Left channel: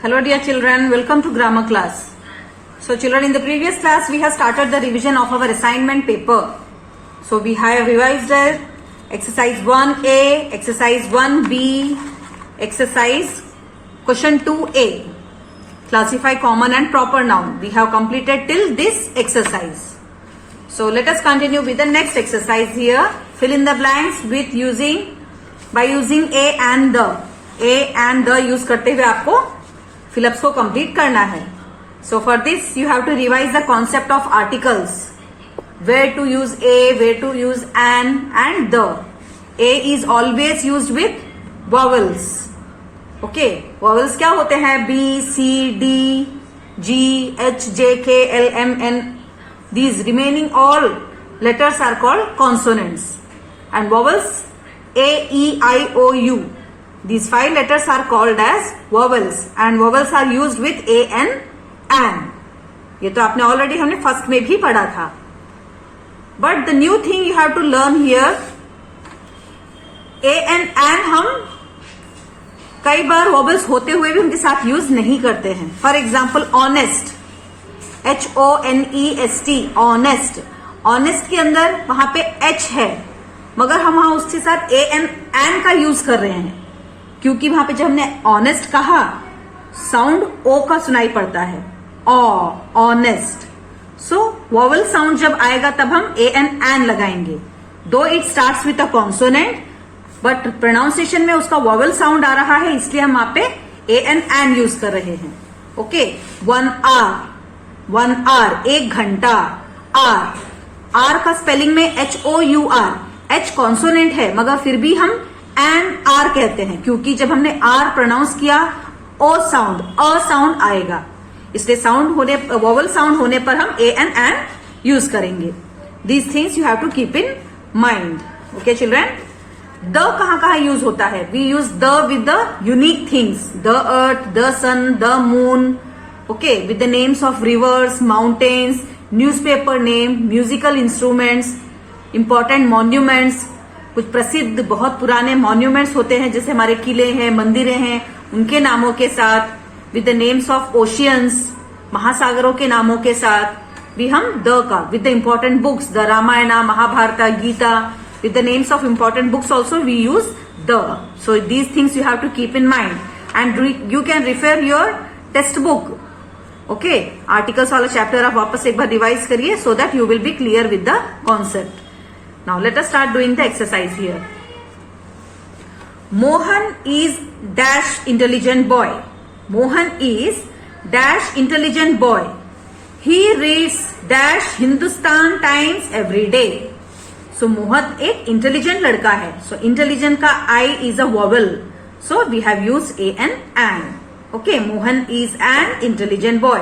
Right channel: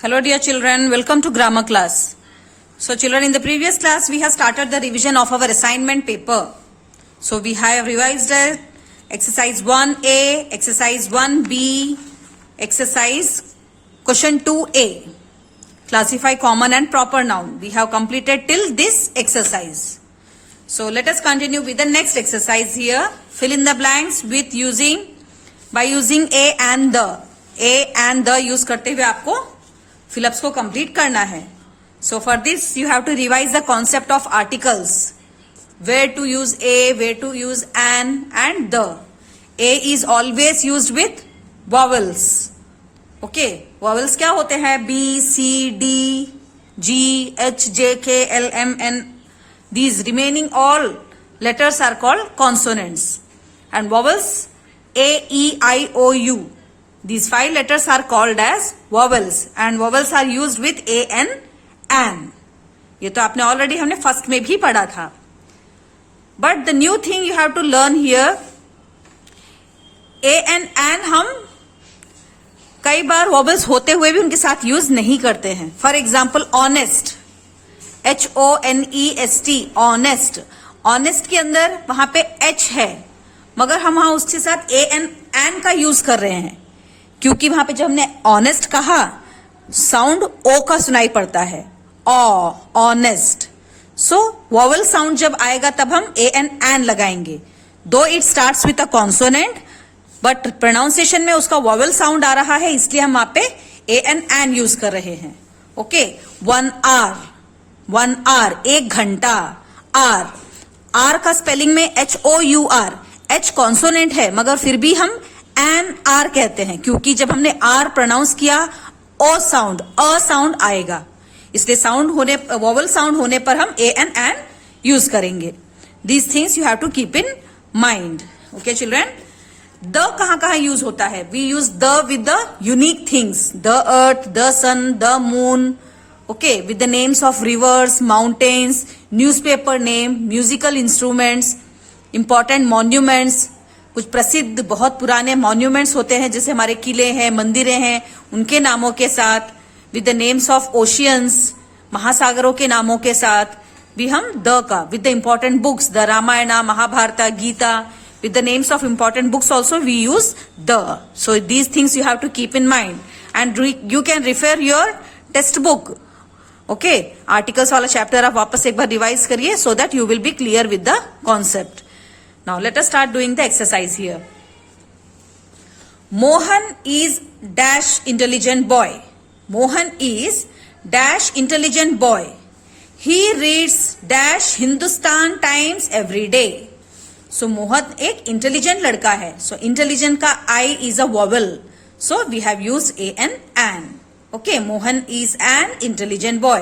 Hello dear children, welcome to grammar class. So children, in the previous class we have started the revision of our assignment paper. So we have revised it, exercise 1A, exercise 1B, exercise question 2A. Classify common and proper noun. We have completed till this exercise. So let us continue with the next exercise here. Fill in the blanks with by using a and the. A and the use करते हुए आपको fill-ups को complete करना है. So for this you have to revise the concept of articles. Where to use a, where to use and the. A is always used with vowels. Okay, vowels क्या होते हैं? B, C, D, G, H, J, K, L, M, N. These remaining all letters are called consonants. And vowels A, E, I, O, U. These 5 letters are called as vowels and vowels are used with a and. ये तो आपने already हमने first में भी पढ़ा था. But the new thing you have to learn here, a and हम कई बार वॉवल्स होते हुए भी उनके साथ यूज नहीं करते हैं. For example honest, HONEST, honest. Honest के अंदर वहां पे H है मगर हम वहां उसके साथ ए एन का यूज कर रहे हैं क्योंकि वहां पे जब हमने ऑनेस्ट कहा साउंड ओ का सुनाई पड़ता है. ऑनेस्ट. सो वॉवल साउंड जब आएगा तब हम ए एन लगाएंगे. दो it starts with a consonant but pronunciation में उसका वॉवल साउंड आ रहा है इसलिए हम वहां पे ए एन यूज कर रहे हैं. ओके, 1 आवर, 1 घंटा. आर का स्पेलिंग में HOUR. H कॉन्सोनेंट है मगर फिर भी हम एन आर कहते हैं क्योंकि जब हमने आर प्रोनाउंस किया अ साउंड आएगा इसलिए वॉवल साउंड होने पर हम ए एन यूज करेंगे. These things you have to keep in mind. Okay children, the कहां यूज होता है? We use the with the unique things. The earth, the sun, the moon. Okay, with the names of rivers, mountains, newspaper name, musical instruments, important monuments. कुछ प्रसिद्ध बहुत पुराने monuments होते हैं जैसे हमारे किले हैं, मंदिरें हैं, उनके नामों के साथ. With the names of oceans, महासागरों के नामों के साथ भी हम द का. With the important books, the Ramayana, Mahabharata, Gita. With the names of important books also we use the. So these things you have to keep in mind and you can refer your textbook. Okay, articles वाला chapter आप वापस एक बार revise करिए so that you will be clear with the concept. Now let us start doing the exercise here. Mohan is dash intelligent boy. Mohan is dash intelligent boy. He reads dash Hindustan Times every day. So Mohan एक intelligent लड़का है. So intelligent का I is a vowel. So we have use a an. Okay, Mohan is an intelligent boy.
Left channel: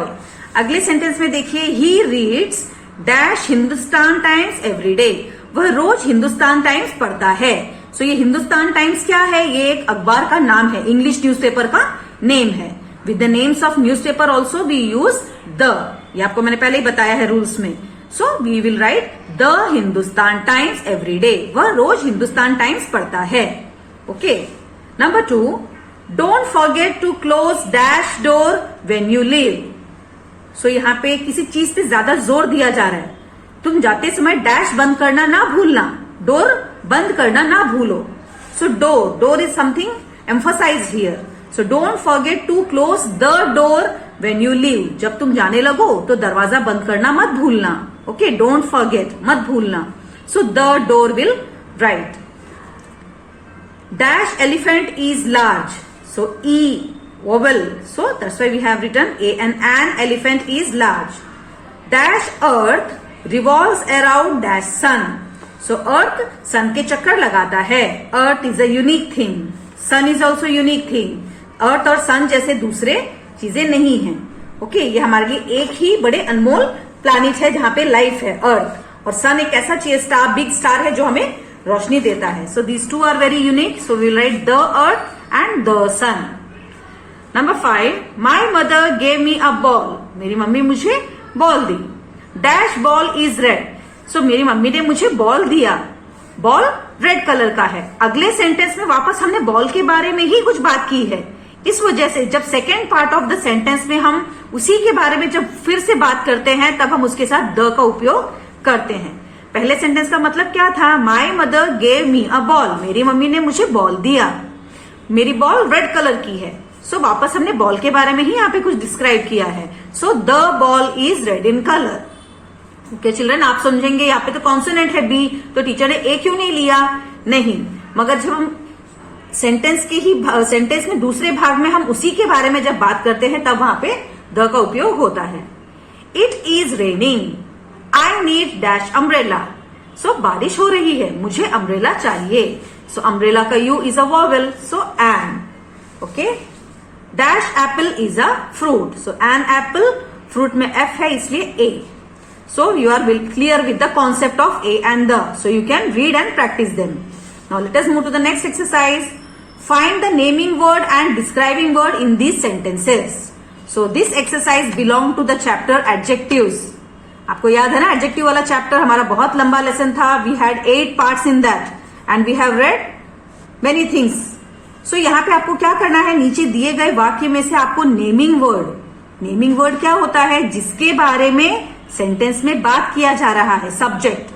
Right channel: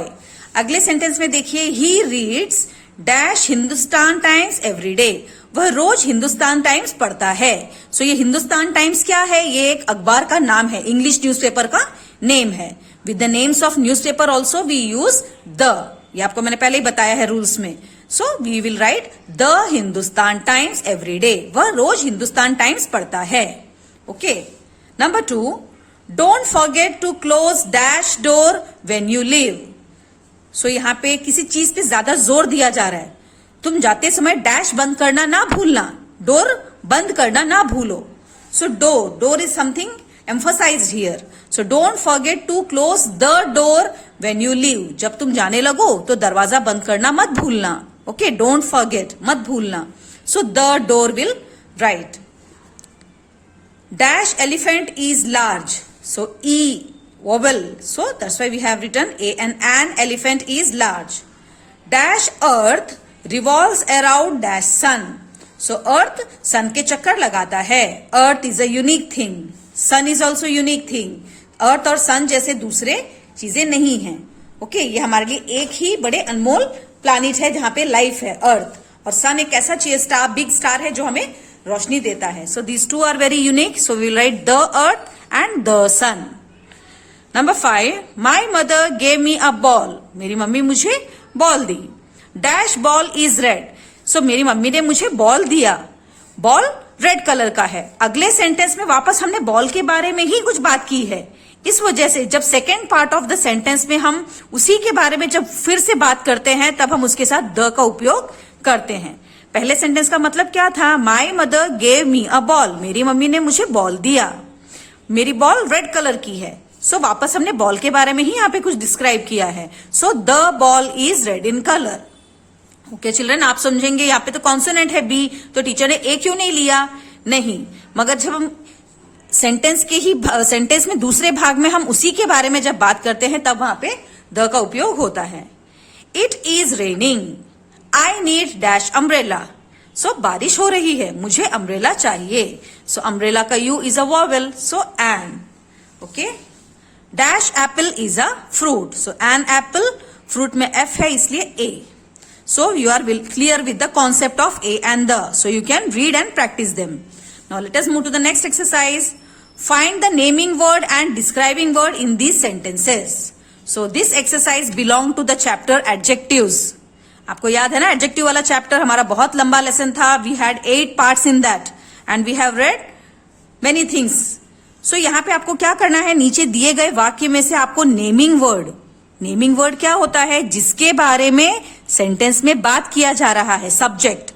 अगले sentence में देखिए, he reads dash Hindustan Times every day. वह रोज Hindustan Times पढ़ता है. सो ये हिंदुस्तान टाइम्स क्या है? ये एक अखबार का नाम है, इंग्लिश न्यूज़पेपर का नेम है. With the names of newspaper also we use the. ये आपको मैंने पहले ही बताया है रूल्स में. So we will write the Hindustan Times every day. वह रोज हिंदुस्तान टाइम्स पढ़ता है. Okay, number 2, don't forget to close dash door when you leave. So यहाँ पे किसी चीज पे ज्यादा जोर दिया जा रहा है. तुम जाते समय डैश बंद करना ना भूलना, डोर बंद करना ना भूलो. So door is something emphasized here. So don't forget to close the door when you leave. जब तुम जाने लगो तो दरवाजा बंद करना मत भूलना. ओके, डोंट फॉरगेट, मत भूलना. So the door will write. Dash elephant is large. So E vowel. So that's why we have written a and an elephant is large. Dash earth revolves around dash sun. So earth sun के चक्कर लगाता है. Earth is a unique thing. Sun is also unique thing. Earth और sun जैसे दूसरे चीजें नहीं हैं. ओके, ये हमारे लिए एक ही बड़े अनमोल प्लैनेट है जहां पे लाइफ है, अर्थ. और सन एक ऐसा स्टार, बिग स्टार है जो हमें रोशनी देता है. So these two are very unique. So we write the earth and the sun. Number 5, my mother gave me a ball. मेरी मम्मी मुझे बॉल दी. Dash ball is red. So मेरी मम्मी ने मुझे बॉल दिया. बॉल रेड कलर का है. अगले सेंटेंस में वापस हमने बॉल के बारे में ही कुछ बात की है. इस वजह से जब second part of the sentence में हम उसी के बारे में जब फिर से बात करते हैं तब हम उसके साथ द का उपयोग करते हैं। पहले सेंटेंस का मतलब क्या था? माई mother gave me a ball, मेरी मम्मी ने मुझे बॉल दिया, मेरी बॉल रेड कलर की है। सो वापस हमने बॉल के बारे में ही यहाँ पे कुछ डिस्क्राइब किया है। So the ball is red in colour. Okay children, आप समझेंगे यहाँ पे तो कॉन्सोनेंट है बी, तो टीचर ने ए क्यों नहीं लिया? नहीं, मगर जब हम सेंटेंस में दूसरे भाग में हम उसी के बारे में जब बात करते हैं तब वहां पे द का उपयोग होता है। It is raining, I need dash umbrella. So बारिश हो रही है, मुझे अम्ब्रेला चाहिए। सो अम्ब्रेला का U is a vowel, so an. Okay, dash apple is a fruit, so an apple, fruit में एफ है इसलिए a. So you are clear with the concept of a and the, so you can read and practise them. Now let us move to the next exercise. Find the naming word and describing word in these sentences. So this exercise belong to the chapter adjectives. आपको याद है ना, adjective वाला chapter हमारा बहुत लंबा lesson था। We had 8 parts in that and we have read many things. So यहाँ पे आपको क्या करना है, नीचे दिए गए वाक्य में से आपको नेमिंग वर्ड क्या होता है? जिसके बारे में सेंटेंस में बात किया जा रहा है, सब्जेक्ट।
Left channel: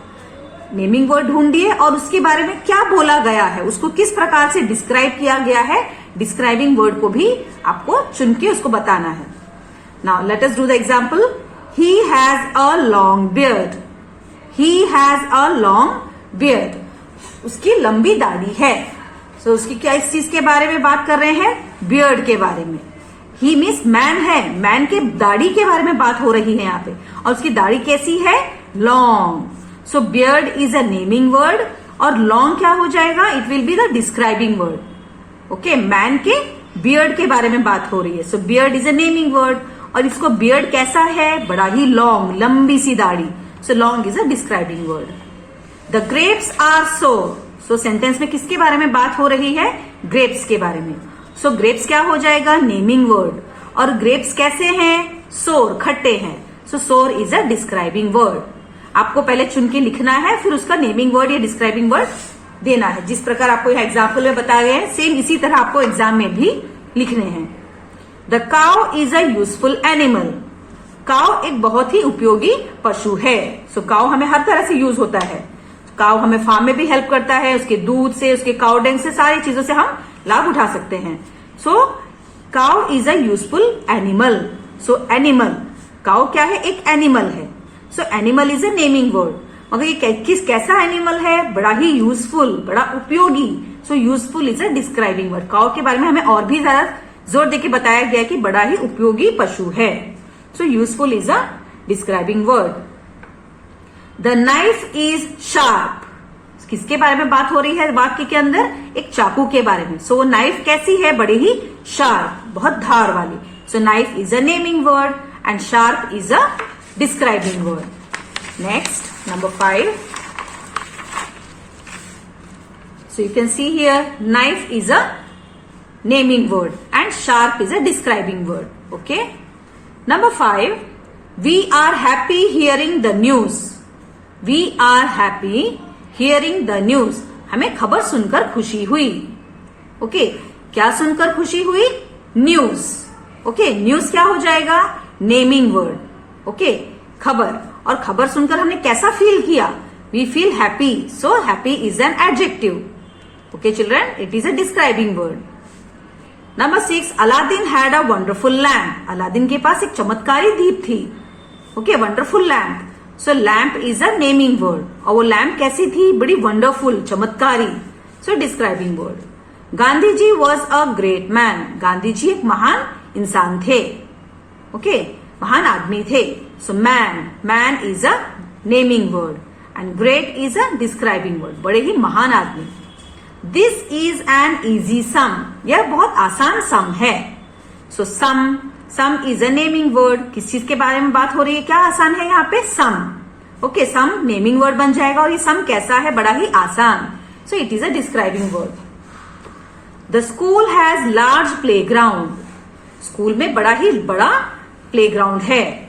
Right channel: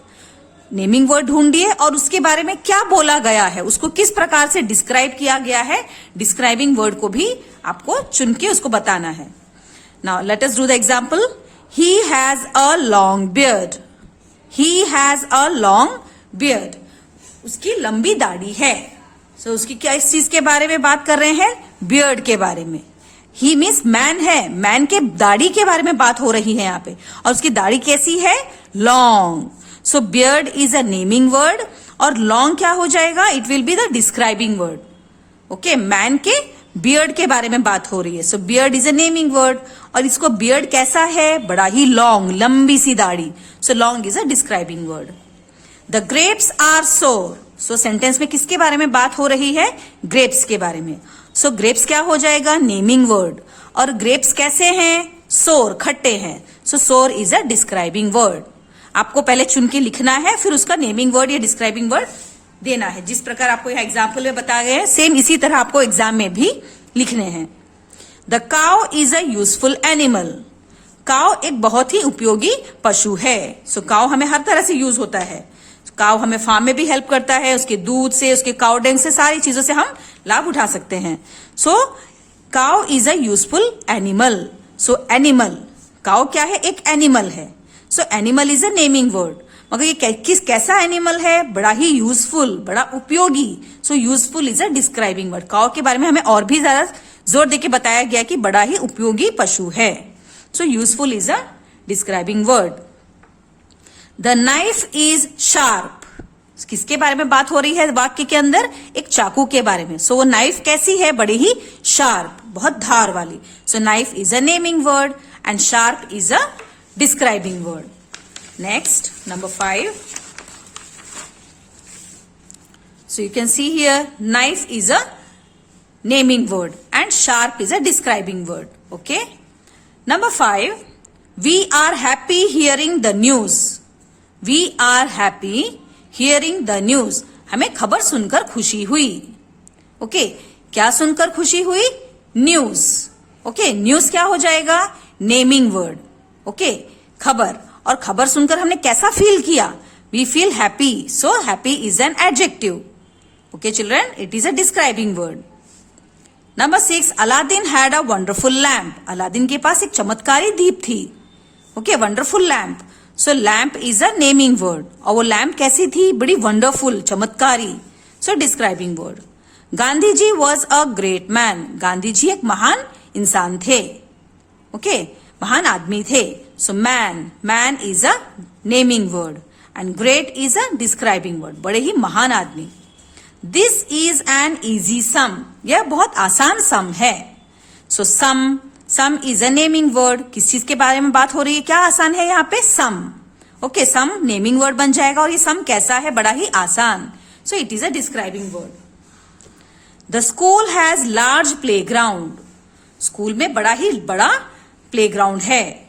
नेमिंग वर्ड ढूंढिए और उसके बारे में क्या बोला गया है, उसको किस प्रकार से डिस्क्राइब किया गया है, डिस्क्राइबिंग वर्ड को भी आपको चुन के उसको बताना है। Now let us do the example. He has a long beard, he has a long beard, उसकी लंबी दाढ़ी है। सो उसकी क्या, इस चीज के बारे में बात कर रहे हैं? बियर्ड के बारे में। ही मीन्स मैन है, मैन के दाढ़ी के बारे में बात हो रही है यहाँ पे, और उसकी दाढ़ी कैसी है? Long. So beard is a naming word और लॉन्ग क्या हो जाएगा? It will be the describing word. Okay, man के बियर्ड के बारे में बात हो रही है। So beard is a naming word, और इसको बियर्ड कैसा है? बड़ा ही लॉन्ग, लंबी सी दाढ़ी। So long is a describing word. The grapes are sour. So sentence में किसके बारे में बात हो रही है? ग्रेप्स के बारे में। सो ग्रेप्स क्या हो जाएगा? Naming word. और ग्रेप्स कैसे हैं? सोर, खट्टे हैं। सो सोर इज अ डिस्क्राइबिंग वर्ड। आपको पहले चुन के लिखना है, फिर उसका नेमिंग वर्ड या डिस्क्राइबिंग वर्ड देना है। जिस प्रकार आपको यह एग्जाम्पल में बताए गए हैं, सेम इसी तरह आपको एग्जाम में भी लिखने हैं। The cow is a useful animal. Cow एक बहुत ही उपयोगी पशु है। सो काउ हमें हर तरह से यूज होता है। काउ हमें फार्म में भी हेल्प करता है, उसके दूध से, उसके काउ डंग से, सारी चीजों से हम लाभ उठा सकते हैं। So cow is a useful animal. So animal, cow क्या है? एक एनिमल है। So animal is a naming word, मगर ये कैसा एनिमल है? बड़ा ही यूजफुल, बड़ा उपयोगी। So useful is a describing word. Cow के बारे में हमें और भी ज्यादा जोर देके बताया गया कि बड़ा ही उपयोगी पशु है। So useful is a describing word. The knife is sharp. किसके बारे में बात हो रही है वाक्य के अंदर? एक चाकू के बारे में। सो वो नाइफ कैसी है? बड़ी ही शार्प, बहुत धार वाली। So knife is a naming word and sharp is a describing word. Next, number 5. So you can see here, knife is a naming word and sharp is a describing word. Okay. Number 5. We are happy hearing the news. We are happy hearing the news. हमें खबर सुनकर खुशी हुई। Okay. क्या सुनकर खुशी हुई? News. Okay. News क्या हो जाएगा? Naming word. ओके, खबर। और खबर सुनकर हमने कैसा फील किया? We feel happy. So happy is an adjective. Okay children, it is a describing word. Number 6, Aladdin had a wonderful lamp. Aladdin के पास एक चमत्कारी दीप थी। Okay, wonderful lamp. So lamp is a naming word, और वो lamp कैसी थी? बड़ी वंडरफुल, चमत्कारी। So describing word. Gandhi ji was a great man. Gandhi ji एक महान इंसान थे। ओके, महान आदमी थे। So man is a naming word and great is a describing word, बड़े ही महान आदमी। This is an easy sum. यह बहुत आसान सम है। So sum is a naming word. किस चीज के बारे में बात हो रही है? क्या आसान है यहाँ पे? सम। ओके, सम नेमिंग वर्ड बन जाएगा, और ये सम कैसा है? बड़ा ही आसान। So it is a describing word. The school has large play ground. School में बड़ा ही बड़ा प्लेग्राउंड है।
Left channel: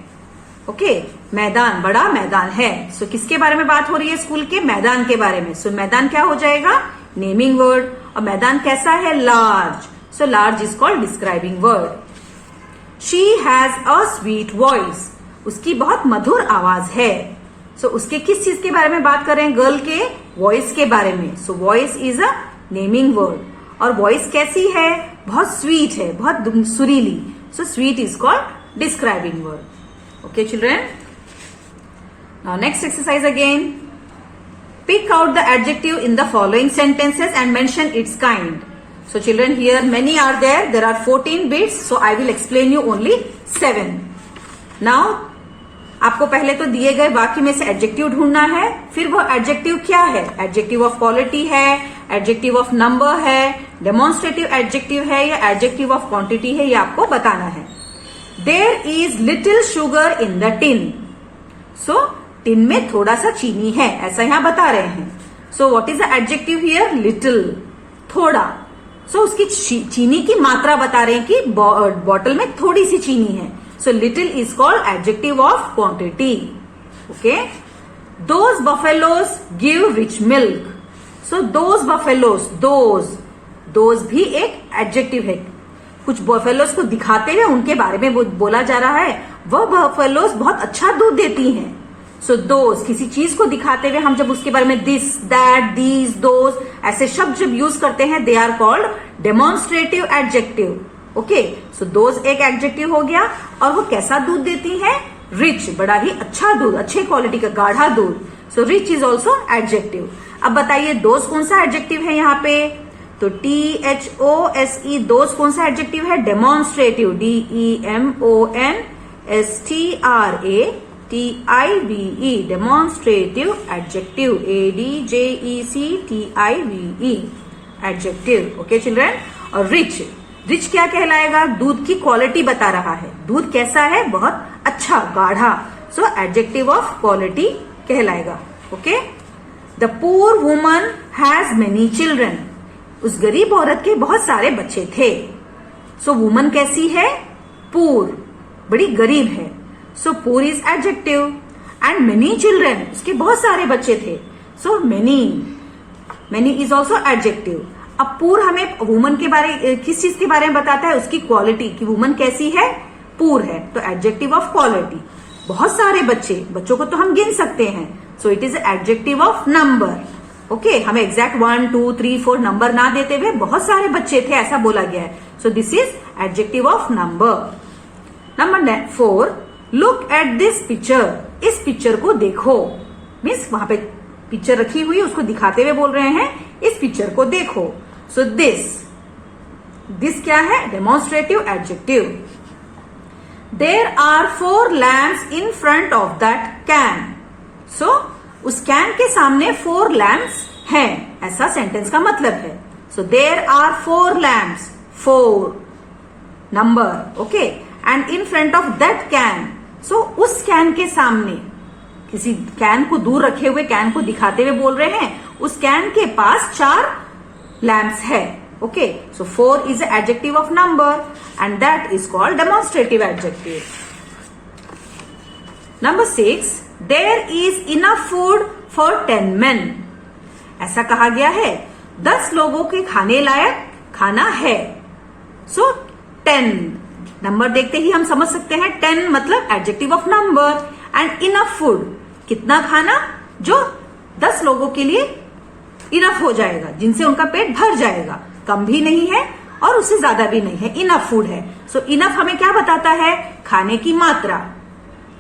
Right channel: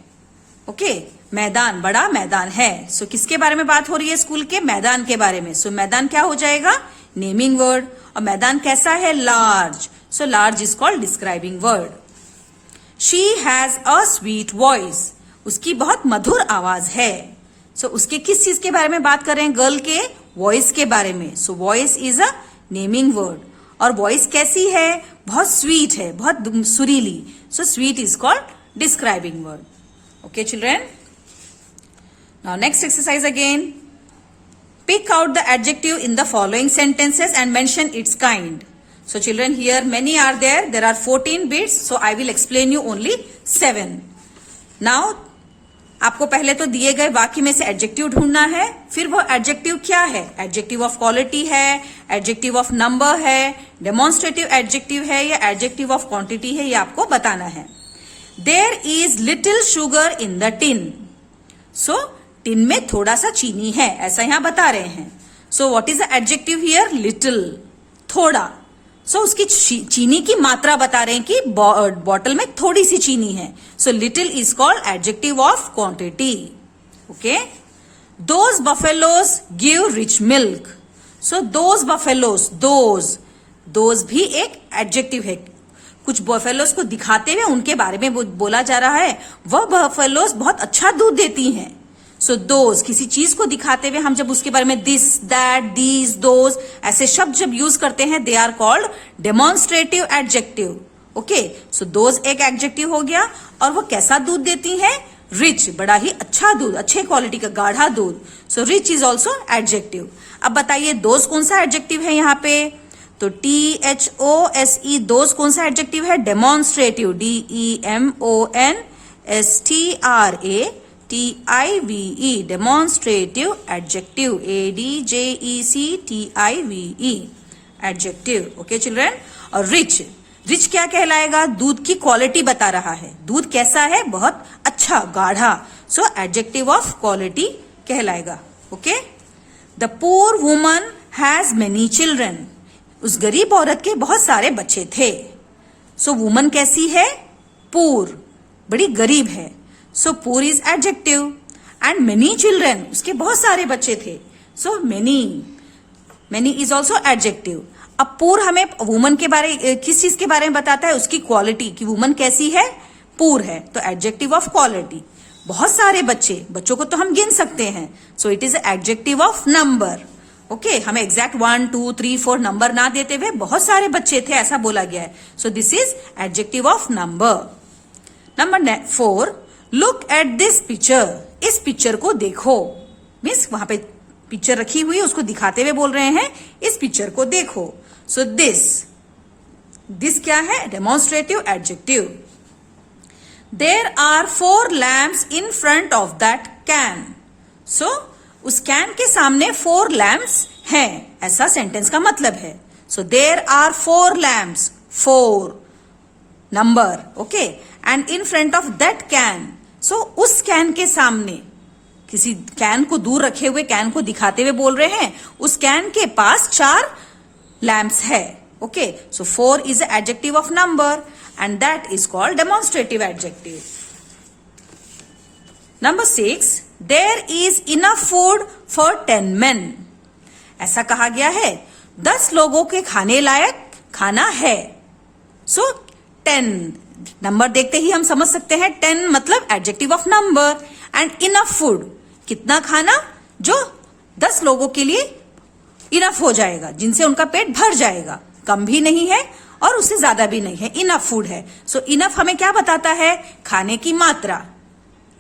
ओके, मैदान, बड़ा मैदान है। सो किसके बारे में बात हो रही है? स्कूल के मैदान के बारे में। सो मैदान क्या हो जाएगा? Naming word. और मैदान कैसा है? Large. So large is called describing word. She has a sweet voice. उसकी बहुत मधुर आवाज है. So उसके किस चीज के बारे में बात कर रहे हैं? गर्ल के वॉइस के बारे में. So voice is a naming word. और वॉइस कैसी है? बहुत स्वीट है, बहुत सुरीली. So sweet is called describing word. Okay children. Now next exercise again. Pick out the adjective in the following sentences and mention its kind. So children, here many are there. There are 14 bits. So I will explain you only 7. Now आपको पहले तो दिए गए वाक्य में से adjective ढूंढना है. फिर वो एडजेक्टिव क्या है? एडजेक्टिव ऑफ क्वालिटी है, एडजेक्टिव ऑफ नंबर है, डेमोन्स्ट्रेटिव एडजेक्टिव है या एडजेक्टिव ऑफ क्वांटिटी है, ये आपको बताना है. There is little sugar in the tin. So tin में थोड़ा सा चीनी है, ऐसा यहां बता रहे हैं. So what is the adjective here? Little, थोड़ा. सो उसकी चीनी की मात्रा बता रहे हैं कि बॉटल में थोड़ी सी चीनी है. So little is called adjective of quantity. Okay. Those buffaloes give rich milk. So those buffaloes, those भी एक एडजेक्टिव है. कुछ बफेलोज को दिखाते हुए उनके बारे में बोला जा रहा है. वह बफेलोज बहुत अच्छा दूध देती हैं. सो दोज किसी चीज को दिखाते हुए हम जब उसके बारे में दिस, दैट, दीज, दोज ऐसे शब्द जब यूज करते हैं, they are called demonstrative adjective. Okay. So those एक एडजेक्टिव हो गया. और वो कैसा दूध देती हैं? रिच, बड़ा ही अच्छा दूध, अच्छे क्वालिटी का गाढ़ा दूध. So rich is also adjective. अब बताइए दोज कौन सा एडजेक्टिव है यहाँ पे? तो THOSE दोज कौन सा एडजेक्टिव है? Demonstrative. DEMONSTRATIVE demonstrative adjective. ADJECTIVE adjective. Okay children. और रिच, रिच क्या कहलाएगा? दूध की क्वालिटी बता रहा है. दूध कैसा है? बहुत अच्छा, गाढ़ा. सो एडजेक्टिव ऑफ क्वालिटी कहलाएगा. Okay. The poor woman has many children. उस गरीब औरत के बहुत सारे बच्चे थे. सो वुमन कैसी है? पुअर, बड़ी गरीब है. So poor is adjective. And many children, उसके बहुत सारे बच्चे थे. So many is also adjective. अब पुअर हमें वुमन के बारे, किस चीज के बारे में बताता है? उसकी क्वालिटी, कि वुमन कैसी है? पुअर है. तो एडजेक्टिव ऑफ क्वालिटी. बहुत सारे बच्चों को तो हम गिन सकते हैं. So it is adjective of number. Okay. हमें एग्जैक्ट 1, 2, 3, 4 नंबर ना देते हुए बहुत सारे बच्चे थे ऐसा बोला गया है. So this is adjective of number. Number 4. Look at this picture. इस पिक्चर को देखो. मीन्स वहां पे पिक्चर रखी हुई है, उसको दिखाते हुए बोल रहे हैं इस पिक्चर को देखो. सो दिस क्या है? Demonstrative adjective. There are 4 lamps in front of that can. So उस कैन के सामने 4 लैम्प्स हैं, ऐसा सेंटेंस का मतलब है. So there are 4 lamps, 4 number. Okay. And in front of that can. So उस कैन के सामने, किसी कैन को दूर रखे हुए कैन को दिखाते हुए बोल रहे हैं उस कैन के पास 4 लैम्प्स है. Okay. So 4 is adjective of number and that is called demonstrative adjective. Number 6. There is enough food for 10 men. ऐसा कहा गया है 10 लोगों के खाने लायक खाना है. सो 10 नंबर देखते ही हम समझ सकते हैं 10 मतलब adjective of number. And enough food, कितना खाना? जो 10 लोगों के लिए इनफ हो जाएगा, जिनसे उनका पेट भर जाएगा. कम भी नहीं है और उससे ज्यादा भी नहीं है, इनफ फूड है. सो इनफ हमें क्या बताता है? खाने की मात्रा,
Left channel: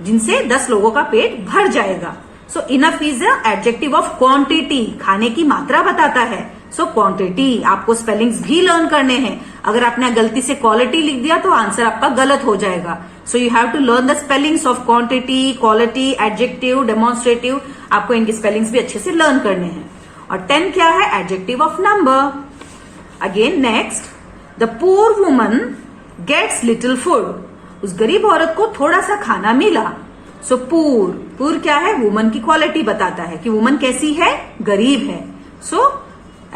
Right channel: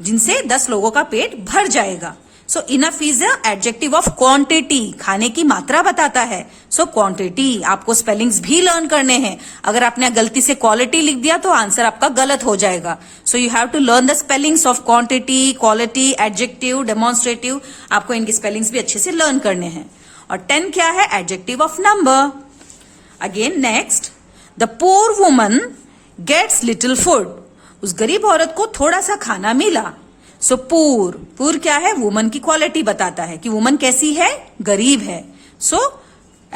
जिनसे 10 लोगों का पेट भर जाएगा. So enough is adjective of quantity. खाने की मात्रा बताता है. So quantity. आपको स्पेलिंग्स भी लर्न करने हैं. अगर आपने गलती से क्वालिटी लिख दिया तो आंसर आपका गलत हो जाएगा. So you have to learn the spellings of quantity, quality, adjective, demonstrative. आपको इनकी स्पेलिंग्स भी अच्छे से लर्न करने हैं. और 10 क्या है? Adjective of number. Again next. The poor woman gets little food. उस गरीब औरत को थोड़ा सा खाना मिला. सो पुअर क्या है? वुमन की क्वालिटी बताता है कि वुमन कैसी है? गरीब है. सो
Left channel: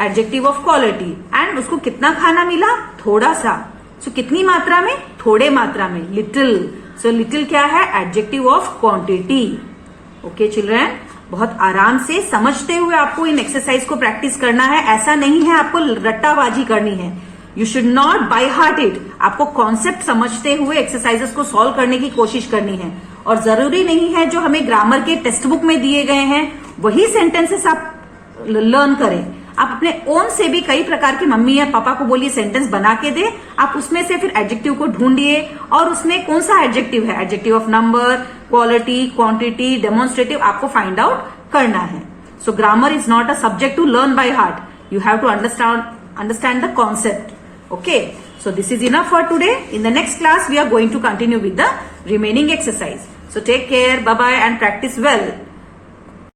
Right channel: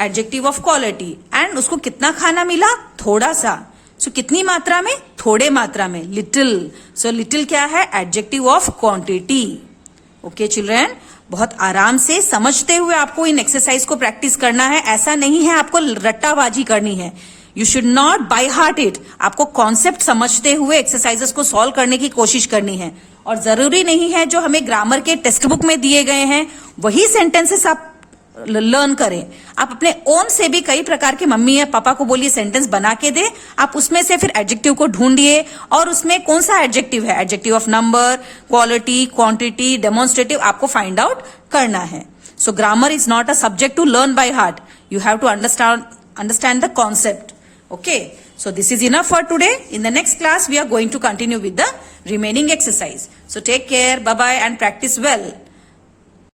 एडजेक्टिव ऑफ क्वालिटी. एंड उसको कितना खाना मिला? थोड़ा सा. सो कितनी मात्रा में? थोड़े मात्रा में, लिटिल. सो लिटिल क्या है? Adjective of quantity. Okay children. बहुत आराम से समझते हुए आपको इन एक्सरसाइज को प्रैक्टिस करना है. ऐसा नहीं है आपको रट्टाबाजी करनी है. You should not by heart it. आपको कॉन्सेप्ट समझते हुए एक्सरसाइजेस को सॉल्व करने की कोशिश करनी है, और जरूरी नहीं है जो हमें ग्रामर के टेक्स्ट बुक में दिए गए हैं वही सेंटेंसेस आप लर्न करें। आप अपने ओन से भी कई प्रकार के मम्मी या पापा को बोलिए सेंटेंस बना के दे, आप उसमें से फिर एडजेक्टिव को ढूंढिए और उसमें कौन सा एडजेक्टिव है, adjective of number, quality, quantity, demonstrative, आपको फाइंड आउट करना है। So grammar is not a subject to learn by heart, you have to understand the concept. Okay, so this is enough for today. In the next class, we are going to continue with the remaining exercise. So take care, bye-bye and practice well.